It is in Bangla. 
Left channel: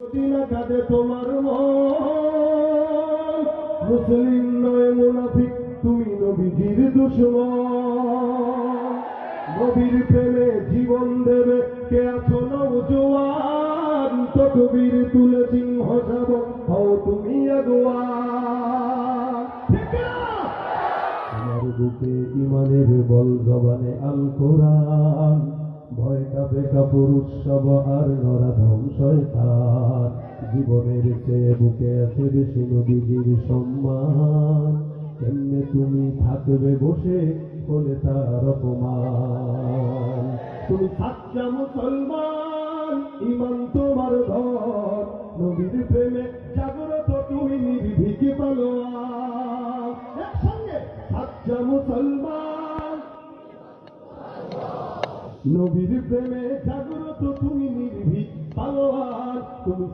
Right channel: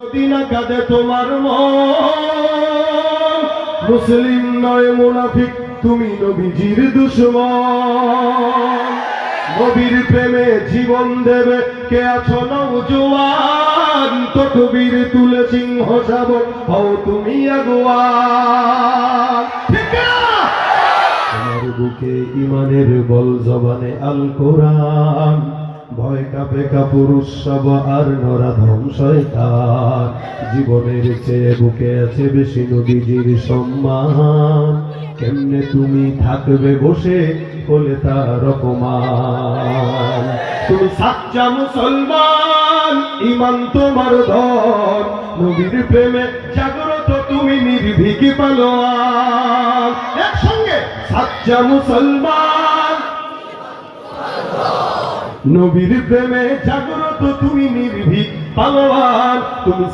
মদিনা কাঁদে তোমার মন, মুসলিম নয় মুনাফিক, তুমি নবীজির দুশমন। নবীর প্রেমে জীবন দেবে কে আছো নওজোয়ান, তকবীর তুলে সিংহ শাবক হও তুমি আগুয়ান। তোমার বুকে ইমানের বল, জবানে আল কোরআন, ভয় কাঁপে কাপুরুষ সব আর নরাধম শয়তান। জীবনের চেয়ে বুকে আছে বেশি নবীজির সম্মান, কেমনে তুমি থাকবে বসে বলে তার অপমান। তুমি সাচ্চা মুসলমান, ইমান তোমার ধন, নবীর প্রেমে জাগ্রত তুমি নির্ভীক পালোয়ান। একসঙ্গে সাচ্চা মুসলমান, নবীর প্রেমে জাগ্রত তুমি নির্ভীক পালোয়ান। তুমি